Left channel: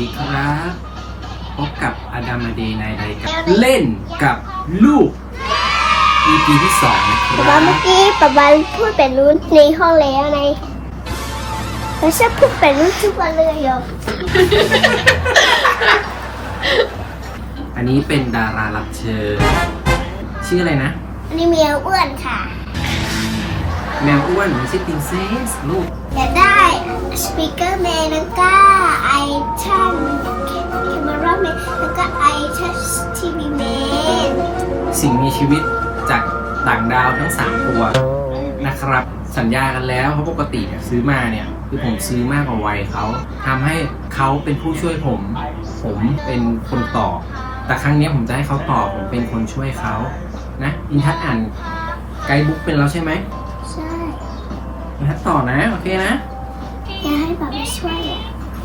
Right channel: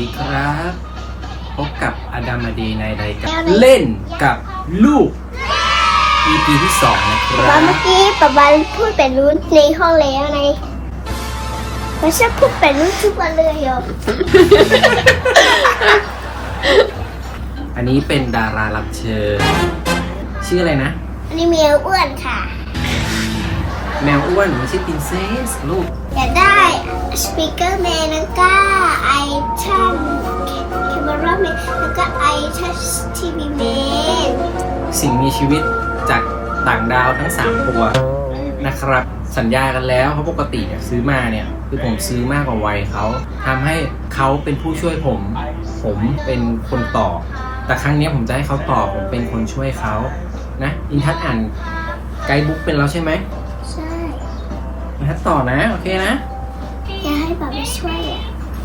ดีครับ พบกับอดัมอเดย์ในรายการเล่นกับลูก EP ที่2นะคแล้รัวเมื่อบกี้ป๊าบาพูดแต่นู้นในห้องแล้วไงไม่ใช่พูดแต่นู้นทุกวันเลยเหรออันนี้เป็นดารารับเชิญชื่ออะไรนะ อันนี้เมียอ้วนค่ะ แมวอ้วนไม่ใช่ปรินเซสลูก อยากได้สปีกเกอร์แมนแล้วก็ไอชั่นแคมราแมนแล้วก็ไอทัชทีวีแมนสิ่งมีชีวิตจากต่างดาวทั้ง 3 ตัวนะครับ สัญญากันแล้วเพราะปกติเนี่ยซื้อมาเนี่ย คือผมซื้อมากกว่าวัยเขาทำให้เขาเป็นผู้ช่วยผม ผมเป็นคนต่อ แต่ครั้งเนี้ยผมจะให้เขาต่อผมเป็นคนช่วยเขานะอินทัศน์อ่านไกด์บุ๊กเป็นแล้วใช่ไหมใช่อิ นทัศน์ต่อนะ โอเคนะ อยากให้ป๊าบาช่วยอะ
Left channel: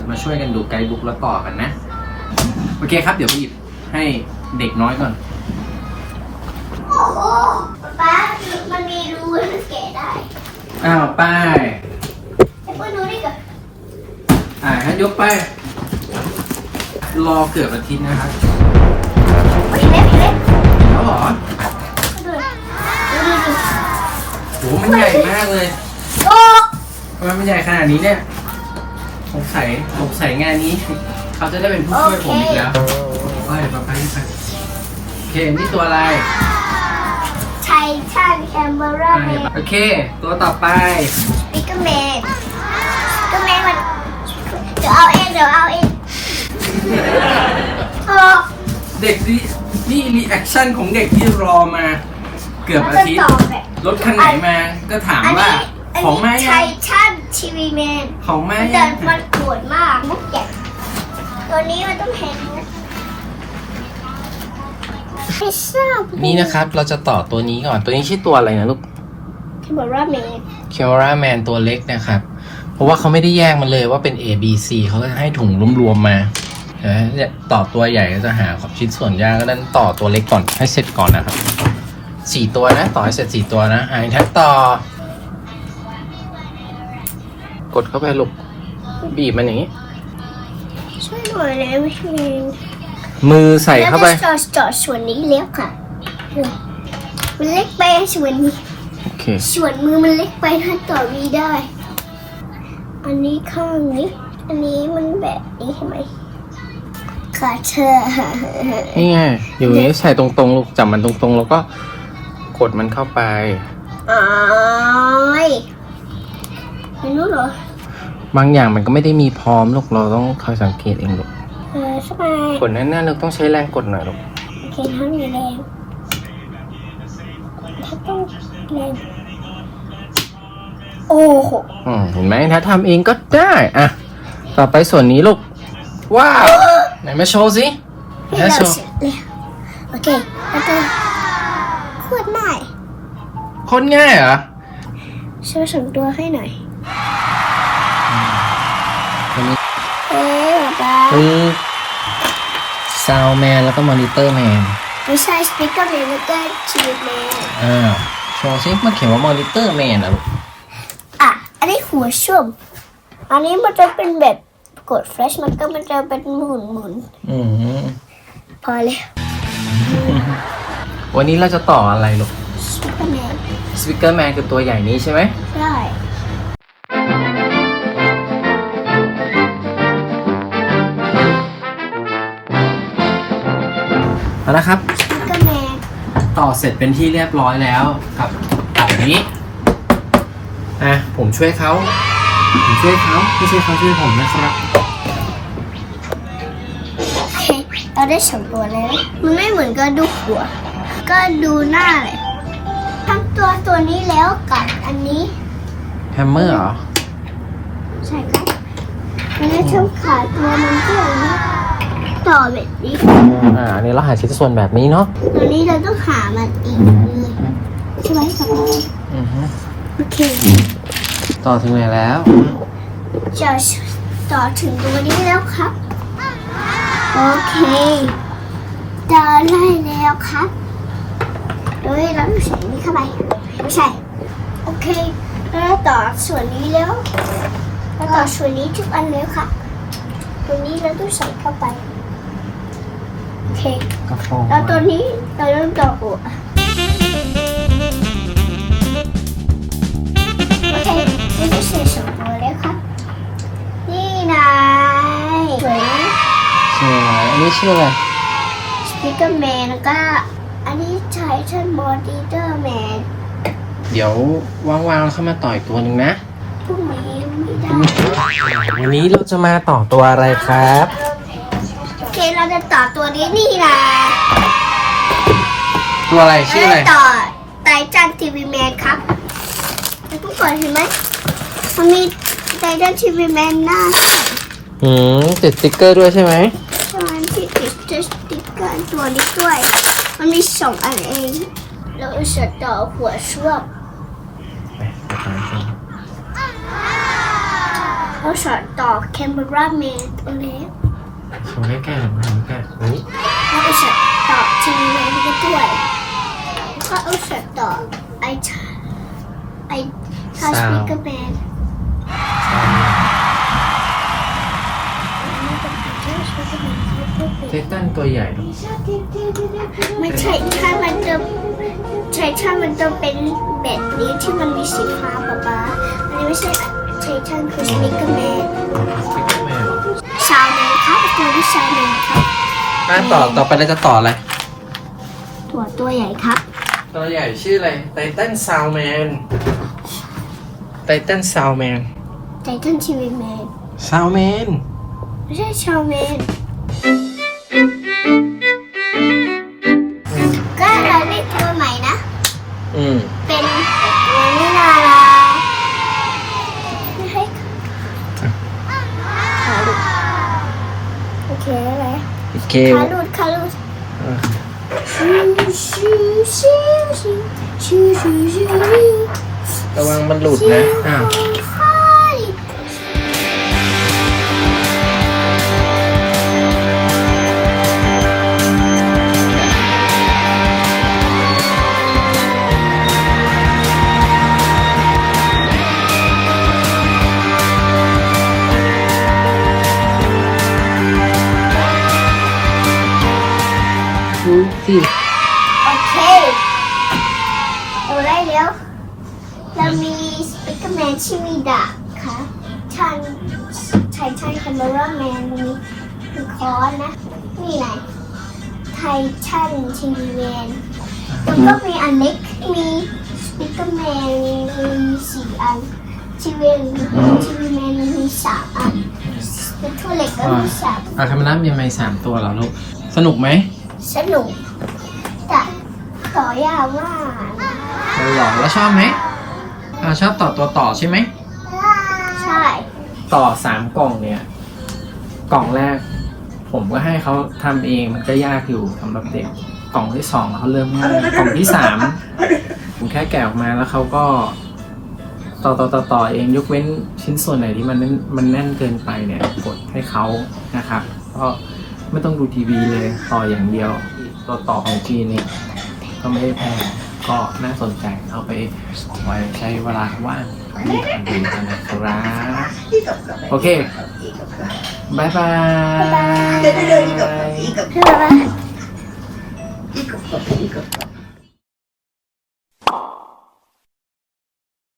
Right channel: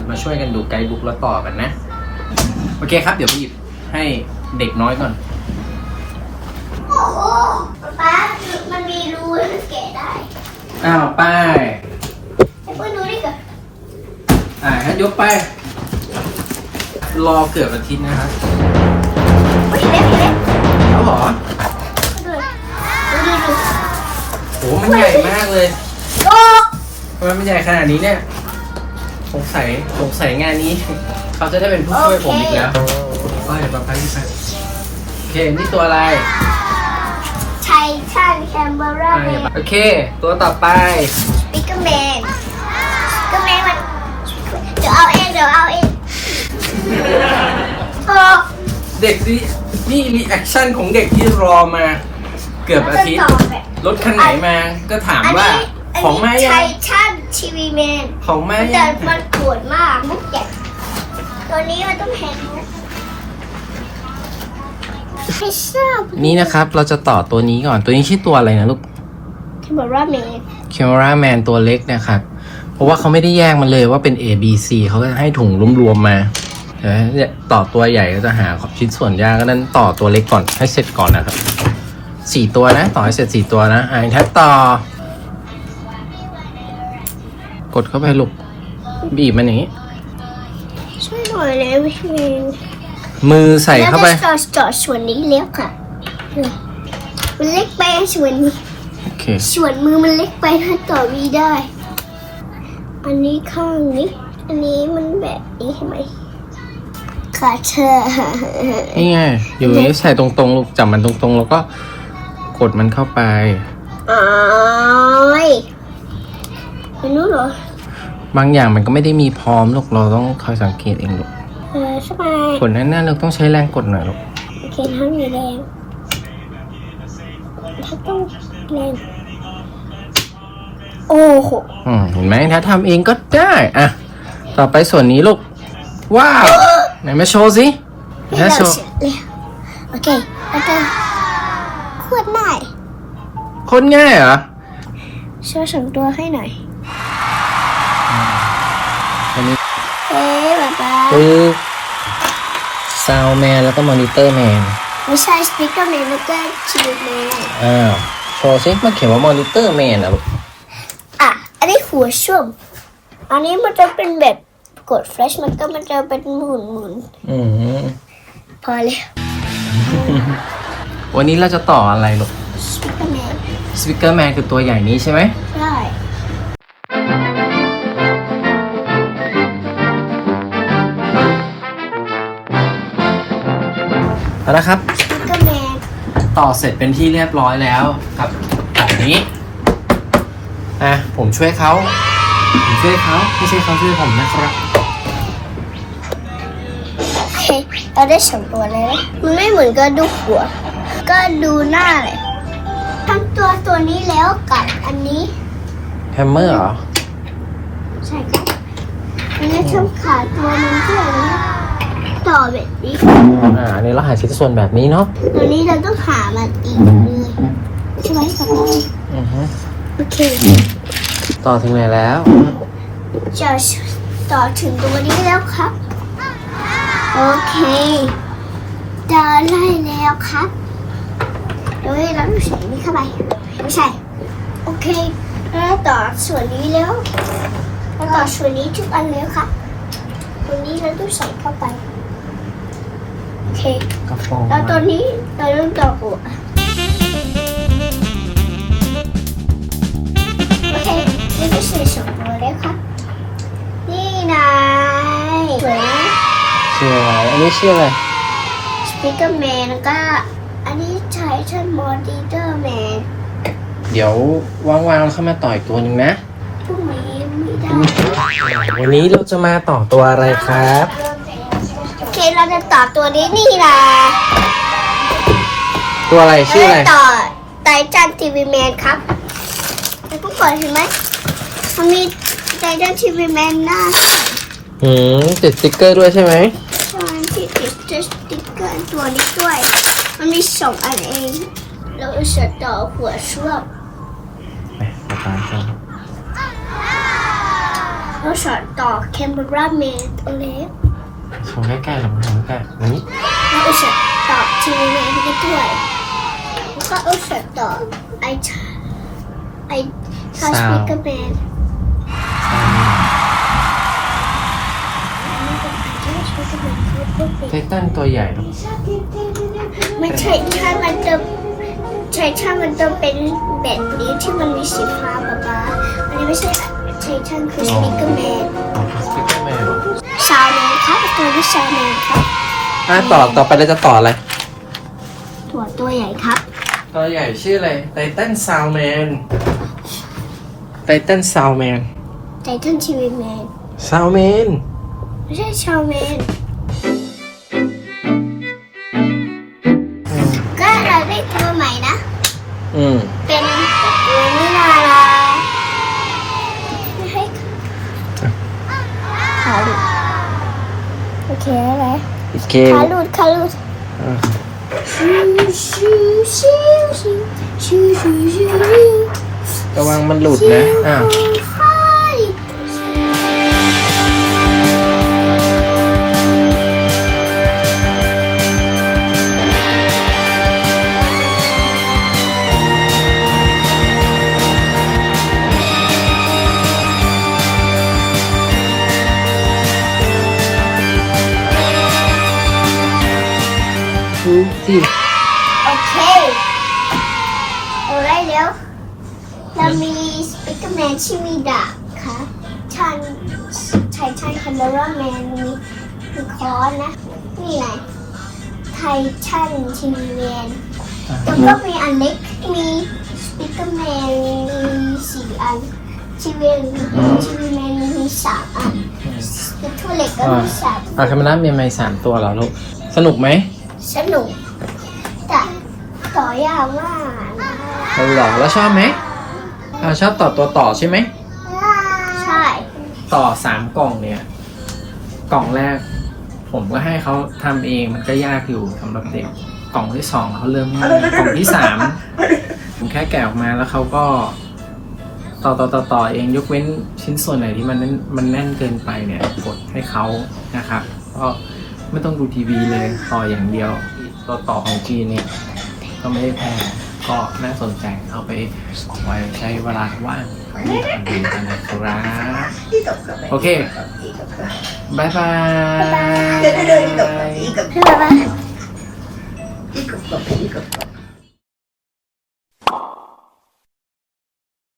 มาช่วยกันดูไกด์บุ๊กแล้วต่อกันนะ โอเคครับ เดี๋ยวไปหยิบให้เด็กน้อยก่อน โอ้โหป๊ามันมีรูให้มันแกะได้อ้าวป้ายไอ้พวกนู้นนี่ก่อนอ่าให้ยกไป รอเกือบอาทิตย์นะครับโอ้ยเล็กเล็กแล้วเหรอดูดูดูดูโหมันใหญ่มากเลย โอ้ทำไมมันใหญ่ขนาดนี้เนี่ยสงสัยสงสัยงานนี้ เขาจะได้เป็นผู้ช่วยผมอีกแล้วป้ายป้าป้ายไปโอเคนี่ตัวอะไรไททันแคมเบราอ่าแมอย่านโอเค ตัวต่อไปสปิกเกอร์แมนสปิกเกอร์แมนมันเดี๋ยวเอาเองเดี๋ยวเอาเองโอ้เด็กนี่นี่รีแอคชั่นของเด็กที่รอมา เกือบอาทิตย์ รถคันไหนมาก็ถามอันว่า นี้ ของมาไทยังทันทีวีแมนของมามันยัแต่งมันปวดมากมุกแกะตัวนี้มันต้องแพงนะไม่ทราบนี่นะครับ เราจะต่อตัวนี้ก่อนตัวนี้ชื่อตัวอะไรนะลูกแคมเบราแมน c a m e r a Man ตัวเล็กนะครับ เพราะว่าเขาไม่ได้แยกมันเลยว่าเป็น A B C เขาจะให้ถุงรวมๆมาเออเนี่ยต่อตัวใหญ่ก็จะหาชิ้นส่วนยากก็นั้นต่อตัวเล็กก่อนให้เสร็จก่อนนะครับสี่ตัวนะ ต่อให้เสร็จสี่ตัวนะอ่าถ้าต่อ กดเข้าไปลูกบีบมันอย่างนี้ ช่วยหน่อยเลยพี่มือใส่เข้าไปจอดจอดส่วนนี้เล็กค่ะมันเล็กไปส่วนนี้โอเคส่วนมือมันเล็กไปถ้าต่อมีได้ อันนี้ข้างนี้ อันนี้มันแบบนี้ใช่ไหมขาเธอนี่ไงอย่างนี้ใส่ตรงๆลูกจับมันตรงๆ แล้วก็กดมันเข้าไปอ้อยไม่รู้เหรอบางอย่างมันก็ไม่ได้มีพร้อมลูกเราต้องคอยสังเกตเองลูกเออใช่ไหมกดแน่นๆเลยต้องใช้แรงกดหน่อยลูกโอเคถ้ามีแรงถ้าต้องแรงโอ้โหอืมเห็นไหมถ้าทำเองก็ได้อะต่อไปส่วนนี้ลูกว้าวไหนมาโชว์สินี่ถ้าเราโชว์เสร็จแล้วโอเคแล้วก็ขวดได้โคนง่ายเหรอช่วยส่งตัวให้หน่อย คือซาวแมนแล้วก็มอนิเตอร์แมนไม่ใช่สปีกเกอร์แมนแล้วก็ชีวิตแมนอ้าวโชว์สิมันเขียนว่ามอนิเตอร์แมนอะลูกอะ อันนี้หัวชุ่มอันนี้มันจะเป็นแบบกดแฟลชมันก็มันจะเป็นหมุนหมุนอืมๆพอเลยวันนี้เราจะต่ออะไรลูกสปีกเกอร์แมนสปิเกอร์แมนคือตัวใหญ่นี้ใช่ไหมได้ เอาละครับสปีกเกอร์แมนต่อเสร็จเป็นที่เรียบร้อยแล้วกับกับนี้ อะ ผมช่วยเขา ผมช่วยเขาไม่ใช่เขาช่วยผมนะครับโอเคเราได้สองตัวแล้วมันไม่เหมือนกับดูหัว ก็ดูหน้าเลย ทั้งตัวตัวนี้แล้วกับอันนี้ แฮมเมอร์เหรอ ใช่ครับอันนี้ทั้งขาตัวมันก็อย่างนี้ ต่อแบบนี้อ่าอันนี้เราหาชิ้นส่วนแบบนี้เนาะตัวนี้เราต้องหามันอีกเลยใช่ไหมสปายอือฮึโอเคต่อถึงไหนแล้วจะต่อถึงตัวนี้แล้วครับ โอเคเดินได้แล้วครับเฮ้ยเราต้องใส่นี้เข้าไปไม่ใช่โอเคแล้วต่อส่วนนี้แล้วแล้วต่อส่วนนี้ทุกอันแล้วครับโอตัวนี้เราต้องใส่เข้าไป โอเคกระโปรงแล้วตัวนี้เราต้องต่อหัวโอเคนี่ก็ใส่สองตัวเลยครับ นี่นายสวยไหมสวยอันนี้ชื่ออะไรสปิเกอร์แมนแล้วก็ อันนี้ไททันบอดี้เตอร์แมนเดี๋ยวว่างๆเราเข้ามาต่อยตัวหนึ่งนะพรุ่งนี้ไม่ได้วันนี้เราจะมาต่อตัวอะไรครับโอเคเรา จะต่อตัวนี้นี่แหละตัวอะไรชื่ออะไรเราจต่อไททันทีวีแมนครับแล้วผู้ก่อนเห็นไหมมันมีไททันทีวีแมนหน้าอืมติดสติ๊กเกอร์ด้วยใช่ไหมใช่ที่ติดสติ๊กเกอร์ตัวนี้ด้วย มันมีสองอันเอง เราจะต่อหัวช่วงเราจะต่อแคมเบราแมนตัวเล็ก หันใกล้ๆหันหันใกล้ๆนี่ I'll shut up to remove the toy. I'll shut up. I, t- I touch Sound. Mega Man. I touch Mega Man. ไททันตัวใหญ่ ไม่ใช่ถ้ามันจะใช่ถ้ามันจะเป็นแบบนี้ที่มันมีสีฟ้าป๊าป๊าอันนี้ไม่ใช่ใช่ท่านคือสปิกเกอร์แมน ใช่าวแมนครับตัวที่ชาวแมนครับอะต่อต่อไปเราจะต่ออะไร ตัวตัวใหญ่ครับ ตัวใหญ่ชื่ออะไรไททันซาวแมนไททันซาวแมนไททันทีวีแมนซาวแมนไม่ใช่ชาวแมน คขาหลุดขาหลุดชิวชิวชิวชิวชิวชิวชิวระวังมันหลุดนะ อ้าว สิโอเคเอาได้แล้วเรามีสปิกเกอร์แมนชิวิดะค่ะชันไททันคาร์เมราแมนมีมีคอนนะ นี่ไงไททันทีวีแมนแล้วก็มีอันเล็กมีสปิกเกอร์แมนมีสี่อันทีวีทีวีแมนมีสามอันสปิกเกอร์เล็กก็มีสามอะคาเมล่ามีไม้สามตัวเหรอลูก สนุกไหม สนุก แต่ต่อยาวมากนะมันหล่อแล้วชอบไหมอ่าชอบต่อตัวต่อใช่ไหม ใช่ต่อสามกล่องเนี่ย กล่องแรก ผมก็ให้เขาทำเองมันก็ยากอยู่สำหรับเด็ก กล่องที่สองเขาเริ่มง่ายกล่องที่สามผมแค่แกะออกมาแล้วเขาก็ ต่อต่อต่อต่อเองยกเว้นชิ้นส่วนไหนที่มันแน่นมันแน่นเกินไปเนี่ย กดให้เขานะครับ ก็ไม่ต้องดูทีวีเลยต่ออย่างเดียว ตัวต่อของจีนเนี่ยก็ไม่ได้แพงก็น่าสนใจเอาไปไว้ใช้เวลาว่างไว้ทำดีกันนะครับ โอเคบายบายคืออะไร